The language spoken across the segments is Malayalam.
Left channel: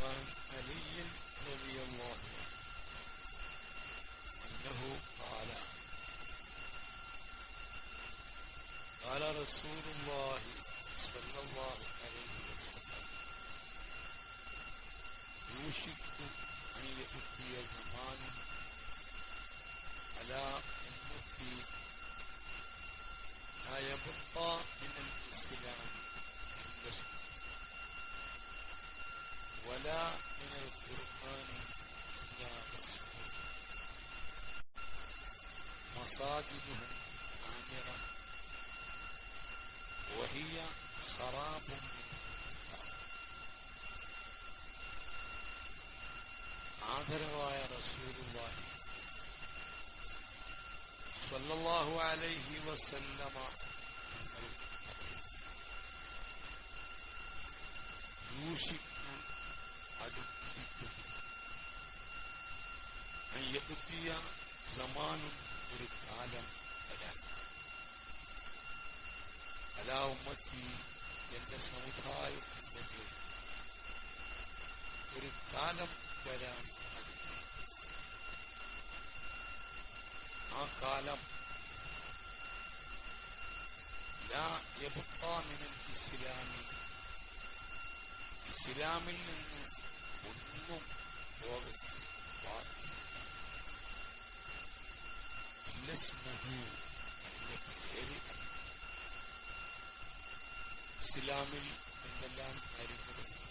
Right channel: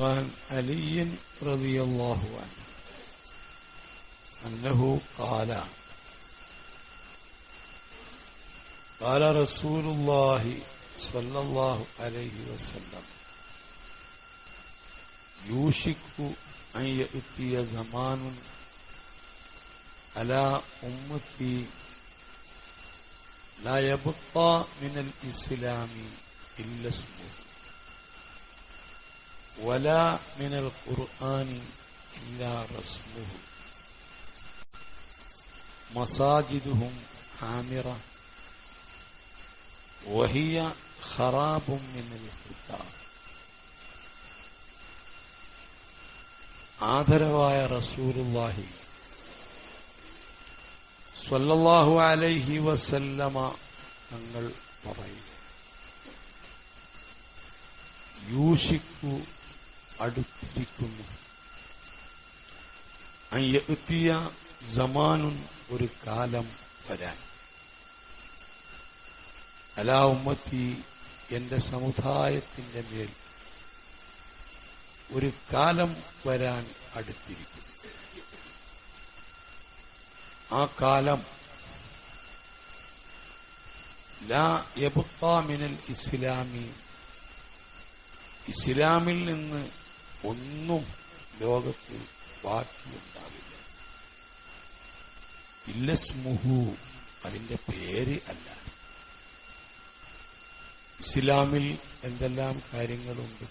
وعن علي رضي الله عنه أنه قال قال رسول الله صلى الله عليه وسلم يوشك أن يأتي زمان على أمتي لا يبقى من الإسلام إلا اسمه. ولا من القرآن إلا رسمه مساجدهم عامرة وهي خراب من الفتاة ആദരവായ റസൂലുള്ളാഹി സ്വല്ലല്ലാഹു അലൈഹി വസല്ലമ തങ്ങൾ പറയും യൂഷിക്കു അടുത്തിരിക്കുന്നു എത്തിയ ജമാനുൻ ഒരു കാലം വരാൻ. അലാ ഉമ്മത്തി എന്റെ സമുദായത്തിന്റെ മേൽ ഒരു കാലം വരാൻ അടുത്തിരിക്കുന്നു. ആ കാലം ലാ യബുത്താമിനൽ ഇസ്ലാമി ഇസ്ലാമിൽ നിന്ന് ഒന്നും ലോകത്ത് ബാക്കിയുണ്ടാവില്ല. ഇല്ലസ്മുഹു അതിന്റെ പേര് അല്ല. ഇസ്ലാമിൽ എന്തെല്ലാം കാര്യങ്ങളുണ്ട്?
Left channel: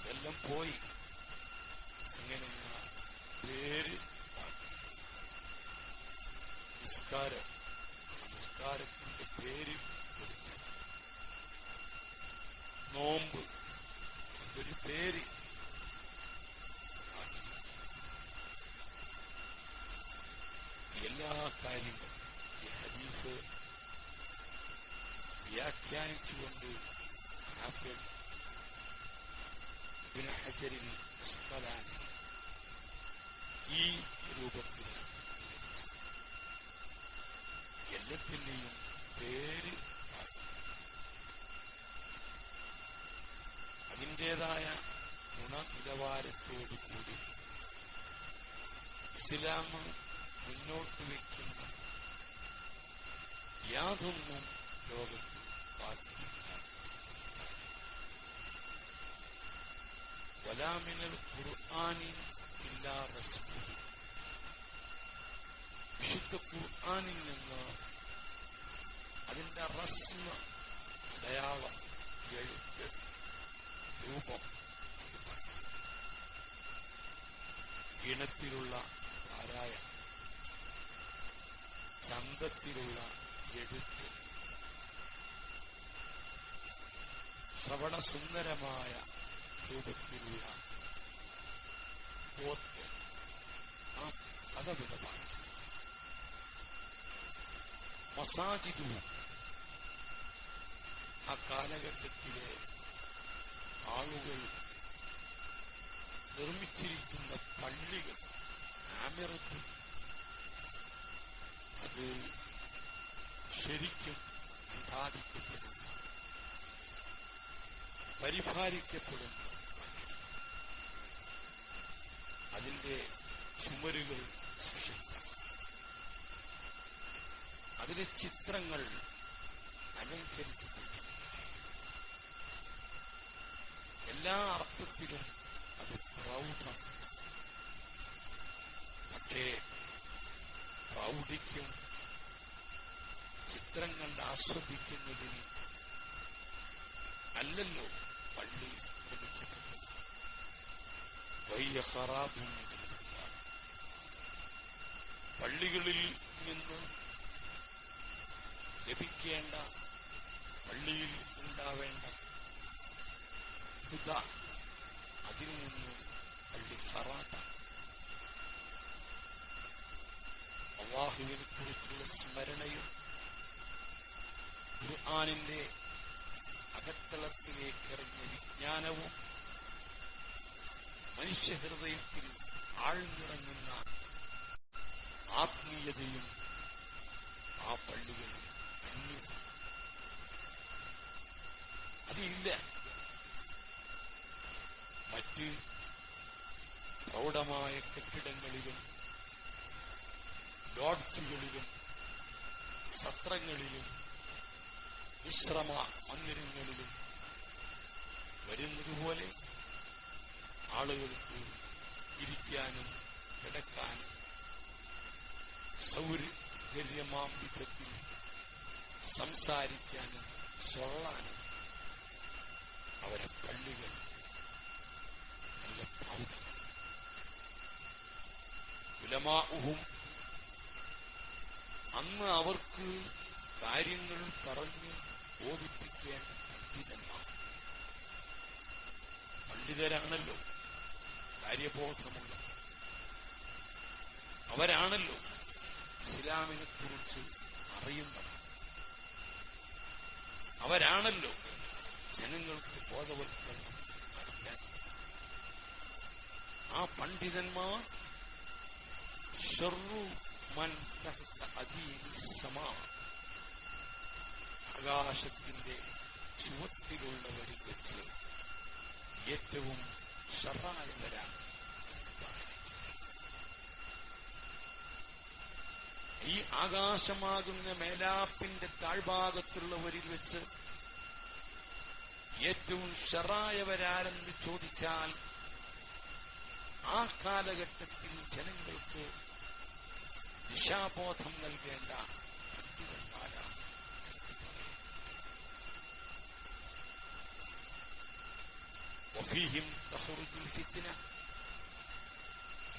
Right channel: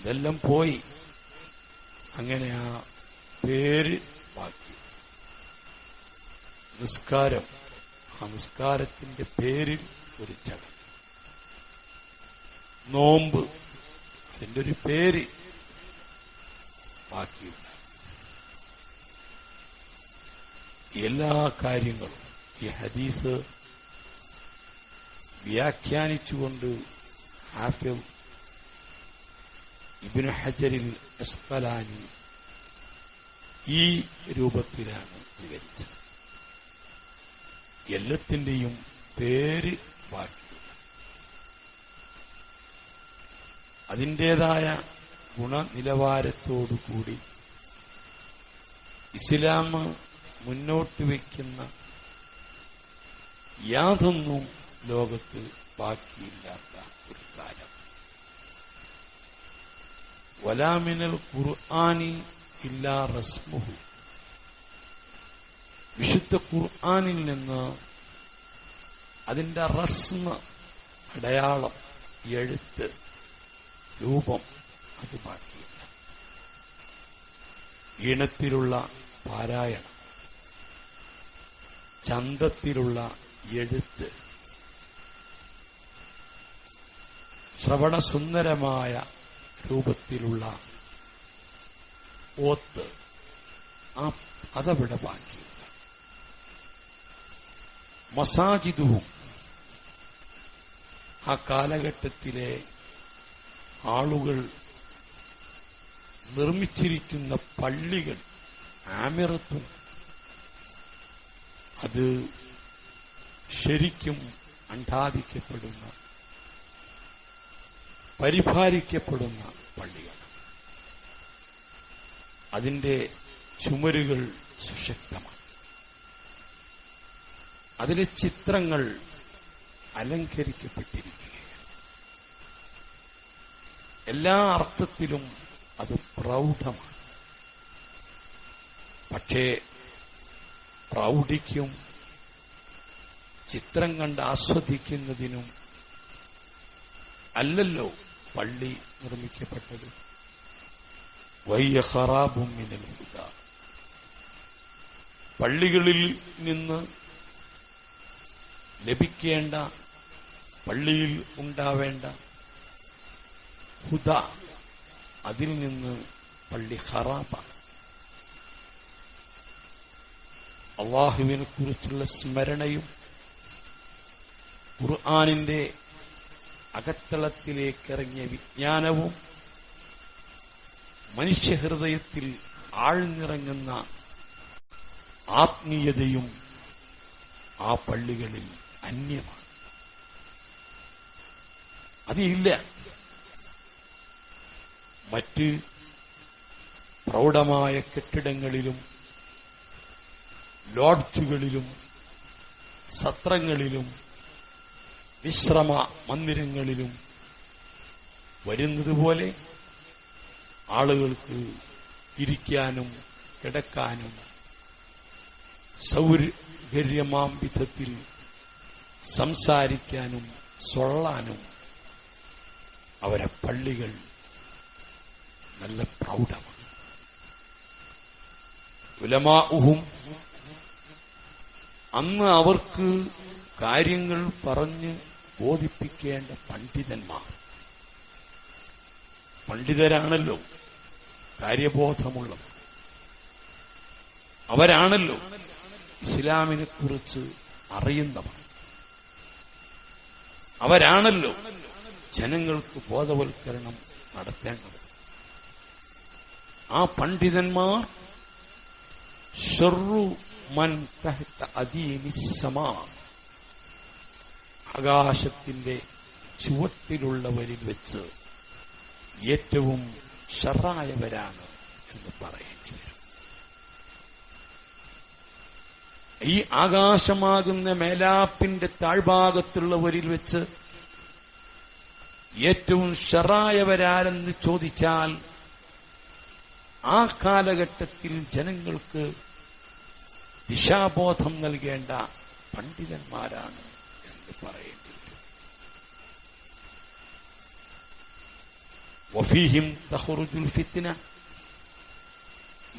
അതെല്ലാം പോയി. അങ്ങനെ ആ പേര് ബാക്കി. നിസ്കാരം. ആ നിസ്കാരത്തിന്റെ പേരിൽ ഒരു ചടങ്ങ്. നോമ്പ്. അതിന്റെ ഒരു പേര്. ബാക്കി. എല്ലാ കാര്യങ്ങളും ഈ ഹദീസ് വ്യാഖ്യാനിച്ചുകൊണ്ട് ഹാഫിം ഇബിന് ഹജറിൽ അസ്കലാനി ഈ രൂപത്തിലാണ് വിവരിച്ചത്. എല്ലാത്തിന്റെയും പേര് ബാക്കി. അതിന്റെതായ ഗുണനിലവാരത്തോടുകൂടി ഇസ്ലാം മുന്നോട്ട് വയ്ക്കുന്ന യാതൊന്നും ലോകത്ത് ബാക്കിയില്ലാത്ത ഒരു കാലം. വലാമിനൽ ഖുർആാനി ഇല്ലാ റസ്മുഹു. വിശുദ്ധ ഖുർആാനിൽ നിന്ന് അതിന്റെ റസ്മ അടയാളം എഴുത്ത് രൂപം അത് ബാക്കിയില്ല ഈണത്തിലുള്ള പാരായണം. ചന്തത്തിലുള്ള എഴുത്ത്. ശ്രവണസുന്ദരമായ രൂപത്തിലുള്ള ഓത്ത്. ആ അതവിടെ ബാക്കിയില്ല മസാജിദുവും ആ കാലഘട്ടത്തിലെ ആളുകൾ നിർമ്മിച്ചിരിക്കുന്ന പള്ളികൾ ആമിറത്തും അത് ശരിക്കും അണ്ടാദിക്കപ്പെടുന്ന പരിപാലിക്കപ്പെടുന്ന പള്ളികൾ അതിന്റെ ചുമരുകൾ സുശക്തമാണ്. അതിലെ ചിത്രങ്ങൾ അലങ്കരിക്കപ്പെട്ടിരിക്കുകയാണ്. എല്ലാ അർത്ഥത്തിലും അത് പ്രൗഢമാണ്. പക്ഷേ പ്രൗഢിക്കും ചിത്രം കണ്ട് ആസ്വദിക്കുന്നതിനും അല്ലല്ലോ പള്ളി നിർമ്മിക്കപ്പെട്ടത്. വയ്യ നൽകുക പള്ളികളിൽ നിന്ന് ലഭിക്കേണ്ട പള്ളിയിൽ ഉണ്ടാവേണ്ട ഹുദ. അതിൽ നിന്ന് പള്ളി ഹറാബാണ് അള്ളാഹുവിനെ കുറിച്ചുള്ള സ്മരണയും ഖുർആാനിന്റെ അകത്തളത്തിലേക്കിറങ്ങിയ വിജ്ഞാനവും മനുഷ്യഹൃദയത്തിൽ ആഴ്ന്നിറങ്ങുന്ന ആത്മീയതയും ആ പള്ളികളിൽ അന്യമാണ്. അതില്ല മറ്റ് പ്രൗഢമായ കെട്ടിടങ്ങളിലും ലോഡ്ജുകളിലും സത്രങ്ങളിലും വിശ്രമ മന്ദിരങ്ങളിലും വരുന്നതുപോലെ ആളുകൾക്ക് ഇരിക്കാനും കിടക്കാനും സൗകര്യമാം വിധത്തിൽ സംസാരിക്കാനും സൊള്ളാനും അവരെ പള്ളികൾ നല്ല പ്രൗഢമാണ് ഉലമാഉഹും അന്ന് അവർക്ക് കാര്യങ്ങൾ പറഞ്ഞ് ബോധിപ്പിക്കേണ്ട പണ്ഡിതന്മാർ. പണ്ഡിതരാണല്ലോ കാര്യബോധമുള്ളവർ. അവരാണല്ലോ ഇസ്ലാമിനെ കുറിച്ച് അറിയുന്നവർ. അവരാണല്ലോ ജനങ്ങൾക്ക് ബോധവൽക്കരണം നടത്തേണ്ടത്. ആ പണ്ഡിതന്മാർ മൻ ആകാശത്തിന്റെ ചുവട്ടിലുള്ളവരിൽ വെച്ച് ഏറ്റവും ഷറായവരാണ് എന്ന് പറയേണ്ടി ഈ ആകാശമാകുന്ന മേലാപ്പിന്റെ താഴ്ഭാഗത്തുള്ളവരിൽ വെച്ച് ഏറ്റവും ഷറായവരാരെന്ന് ചോദിച്ചാൽ ആ കാലഘട്ടത്തിൽ ജനങ്ങൾക്ക് ദിശാബോധം നൽകേണ്ട പണ്ഡിതന്മാരാണ് എന്ന് പറയേണ്ടത്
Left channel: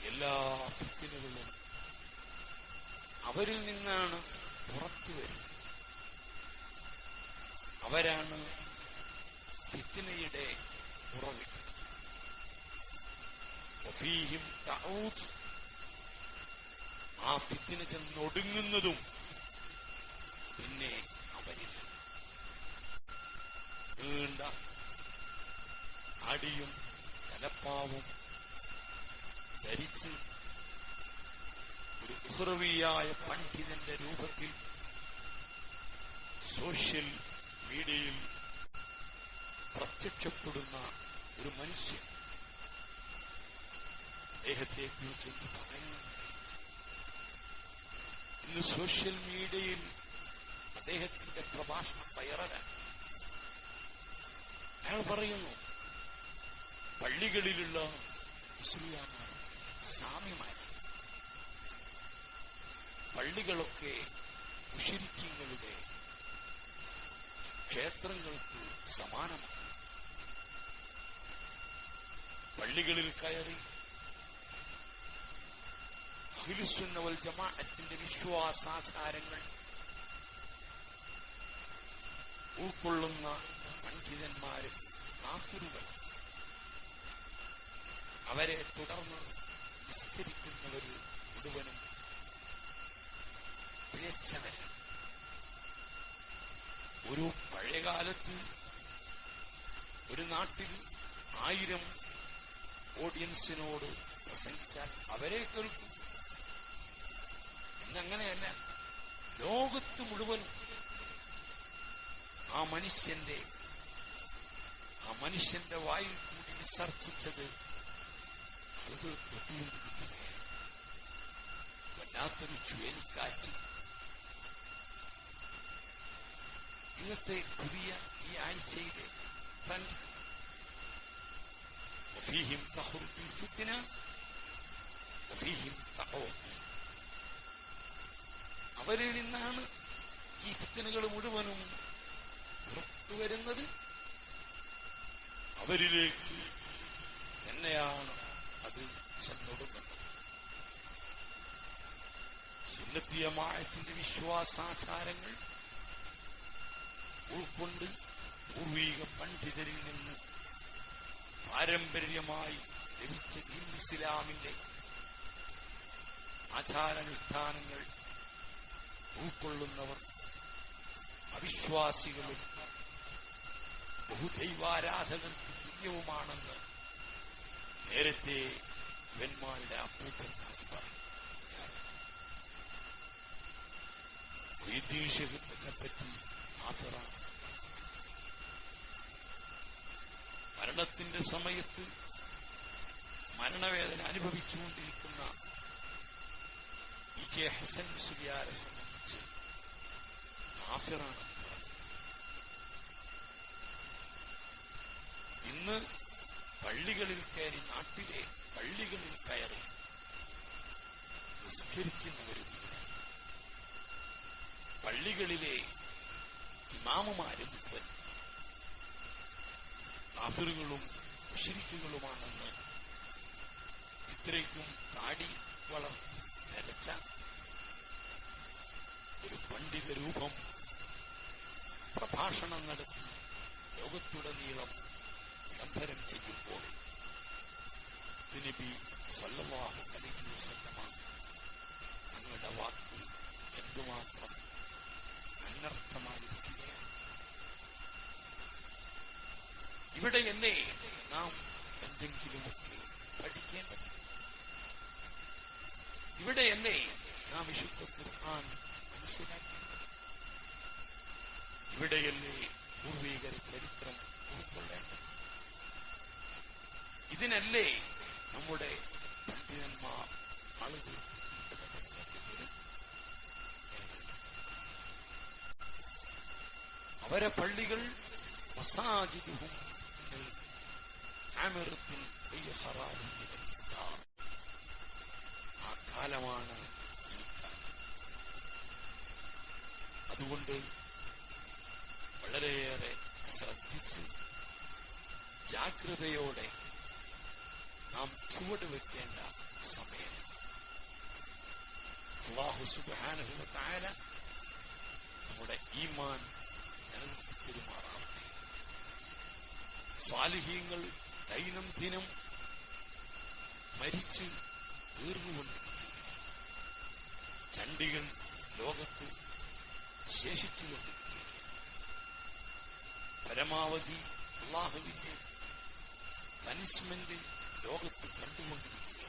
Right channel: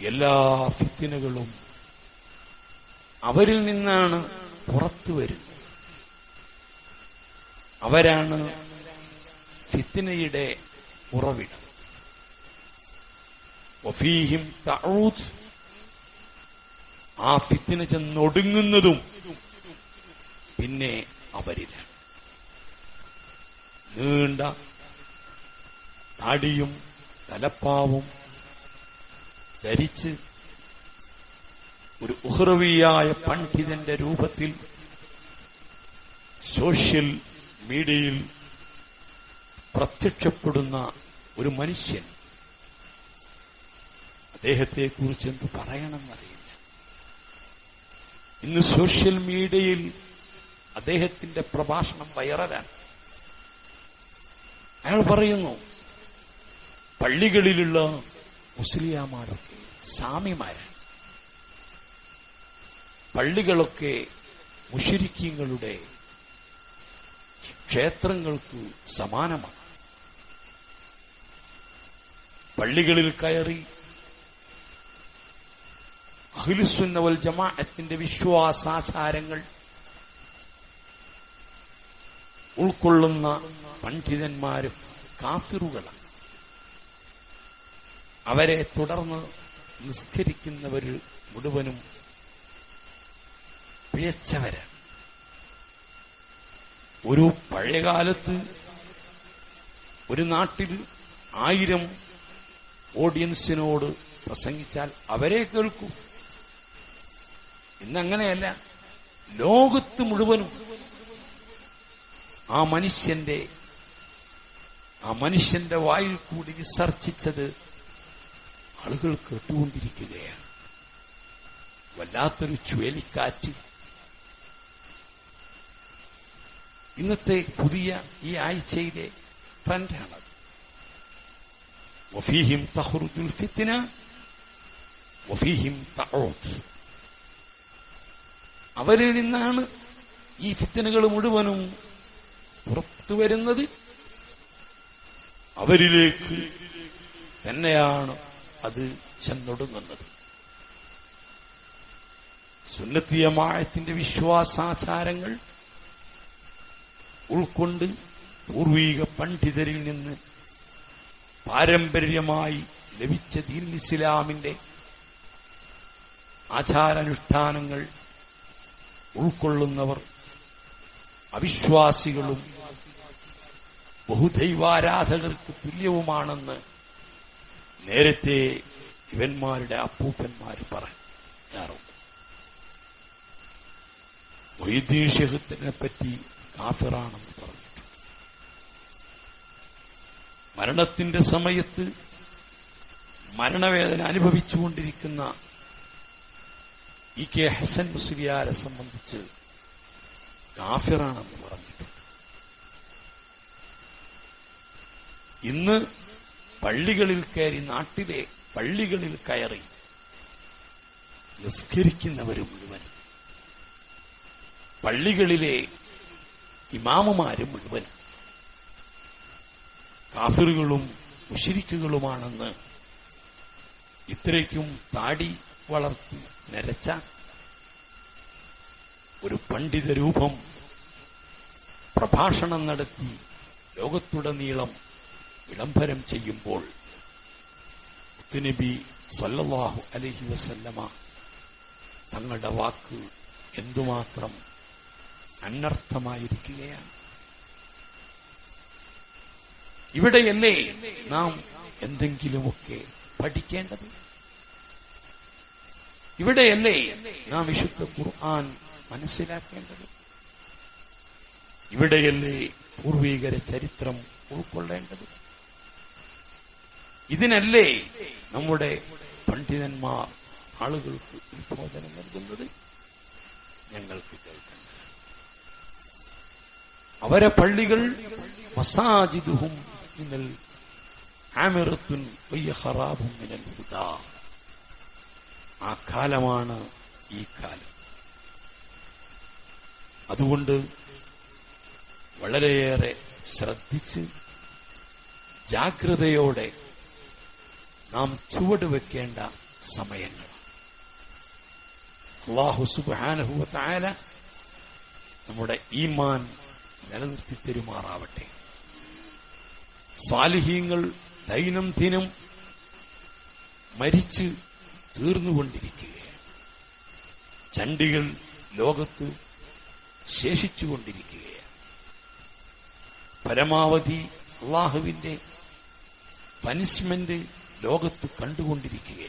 എല്ലാ ഫിത്തിനകളും അവരിൽ നിന്നാണ് പുറത്തു വരുന്നത്. അവരാണ് ഫിത്തിനയുടെ ഉറവിടം. വഫീഹിം തഊദ്. ആ ഫിത്തിന ചെന്നൊടുങ്ങുന്നതും പിന്നെ അവരിലാണ് നീണ്ട താടിയും തലപ്പാവും ധരിച്ച് ഒരു ഉഹ്റവിയായ പണ്ഡിതന്റെ രൂപത്തിൽ സോഷ്യൽ മീഡിയയിൽ പ്രത്യക്ഷപ്പെടുന്ന ഒരു മനുഷ്യൻ അദ്ദേഹത്തെ കുറിച്ച് എന്ത് പറയണമെന്നറിയില്ല. ഇന്ന് സോഷ്യൽ മീഡിയയിൽ അദ്ദേഹത്തിന്റെ പ്രഭാഷണം വൈറലാണ്. അയാൾ പറയുന്നു പള്ളികളിലുള്ള മുസ്ലിയാമാരൊക്കെ സാമിമാരാണ്. പള്ളികളൊക്കെ മുഷിരിക്കീങ്ങളുടെ ക്ഷേത്രങ്ങൾക്ക് സമാനമാണ്. പള്ളികളിൽ കയറി അഖിലുസുന്നവൽ ജമാഅത്തിന്റെ വിശ്വാസാചാരങ്ങൾ ഉൾക്കൊള്ളുന്ന പണ്ഡിതന്മാരും കാഫിറുകളാണ്. അവരെ തുടർന്ന് നിസ്കരിക്കുന്നവർ മുഴുവനും പിഴച്ചവരാണ്. ഒരു പഴയകാലത്ത് ഒരു നാട്ടിൽ ആയിരം ഓഡിയൻസിനോട് പ്രസംഗിച്ചാൽ അവരെ കേൾക്കൂ. ഇന്നങ്ങനെയല്ല. ലോകത്ത് മുഴുവനും ആ മനുഷ്യന്റെ ആ മനുഷ്യന്റെ വായിൽ കൂടി വിസർജിച്ചത് ആളുകൾ കേട്ടുകൊണ്ടിരിക്കുകയാണ്. വല്ലാത്തൊരു ചുഴലിക്കാറ്റ്. ഇന്നത്തെ പുതിയ ഈ ആഴ്ചയിലെ ട്രെൻഡാണ് വഫീഹിം തഹ്റുജുൽ ഫിത്തിന വഫീഹിം തഊദ് അവരിൽ നിന്നാണ് ഈ ഫിത്തനുകൾ മുഴുവനും പുറത്തു വരുന്നത്. അവരിലേക്ക് തന്നെയാണ് അത് ചെന്നൊടുങ്ങുന്നത്. സുന്നത്തിയമായത്തിന്റെ വിശ്വാസാചാരങ്ങൾ ഉൾക്കൊണ്ട് പൂർവീക പണ്ഡിതരിൽ നിന്ന് പാരമ്പര്യമായി ലഭിച്ച ദീൻ ഇസ്ലാമിന്റെ ആചാരാനുഷ്ഠാനങ്ങൾ ഉൾക്കൊള്ളുന്നവർ അവിശ്വാസികളും ബഹുദൈവാരാധകർക്ക് തുല്യവുമാണെന്ന് നേരത്തെ ഇവന്മാരുടെ അപ്പൂപ്പന്മാർ പറഞ്ഞാറുണ്ട്. മൊയ്തീൻ പറ്റി കാഫിറാണെന്ന് പറഞ്ഞു മരണത്തിന്റെ സമയത്ത് മരണവേദന അനുഭവിച്ചുകൊണ്ടിരിക്കുന്ന ഇ കെ ഹസൻ മുസ്ലിയാരെ സംബന്ധിച്ച് കാഫിറാണെന്ന് പറഞ്ഞിട്ടുണ്ട്. ഇന്ന് പള്ളികളിൽ കയറി നാട്ടിലെ പള്ളികളിൽ കയറി നിസ്കരിക്കുന്നവരും മുഴുവൻ പള്ളികളിലെ ഇമാമുമാരും മുഴുവൻ കാഫിറുകളും മുഷിരിക്കുകളുമാണെന്ന് ഇത്രയ്ക്കും താടി വളർത്തി നരച്ച ഒരു പണ്ഡിത രൂപം പ്രഭാഷണം നടത്തി ലോകത്തുടനീളം വിളംബരം ചെയ്യുമ്പോൾ നബി സല്ലല്ലാഹു അലഹി വസല്ലമ തങ്ങളുടെ വാക്ക് എന്തുമാത്രം അനർത്ഥമായിരിക്കുകയാണ്. എന്നെ നാം എന്തെങ്കിലുമൊക്കെ പഠിക്കേണ്ടത് ഇവിടെയല്ലേ നാം വിശുദ്ധ ഖുർആൻ മനസ്സിലാക്കേണ്ടത്? ഇവിടെയല്ലേ പൂർവീകര ചരിത്രം ഉൾക്കൊള്ളേണ്ടത്? ഇതിനല്ലേ നമ്മുടെ പണ്ഡിതന്മാർ ആളുകൾക്ക് ഉത്ബോധനം നൽകുന്നത്? ഞങ്ങൾക്ക് കേൾക്കണം അവരെ പള്ളികൾ മസാജിദുഹും മിനൽ ആമിറത്തുൻ വയ്യ ഖറാബും മിനൽ ഹുദാ. ആ കാലമാണ് ഈ കാലം. അതുകൊണ്ട് വളരെയേറെ ശ്രദ്ധിച്ച് ജാഗ്രതയോടെ നാം ചുവടുവെക്കേണ്ട സമയങ്ങൾ. അള്ളാഹു സുബാനഹുവത്തായ നമ്മുടെ ഈമാൻ നിലനിർത്തി തെരുമാറാവട്ടെ. സ്വാലിഹീങ്ങൾ ദൈനംദിനം മരിച്ച് തീർന്നുകൊണ്ടിരിക്കുകയാണ്. ചണ്ടികൾ ലോകത്ത് ശേഷിച്ചുകൊണ്ടിരിക്കുകയാണ്. പരമാവധി അള്ളാഹുവിന്റെ പനിഷ്മെന്റ് ലോകത്ത് കണ്ടുകൊണ്ടിരിക്കുകയാണ്.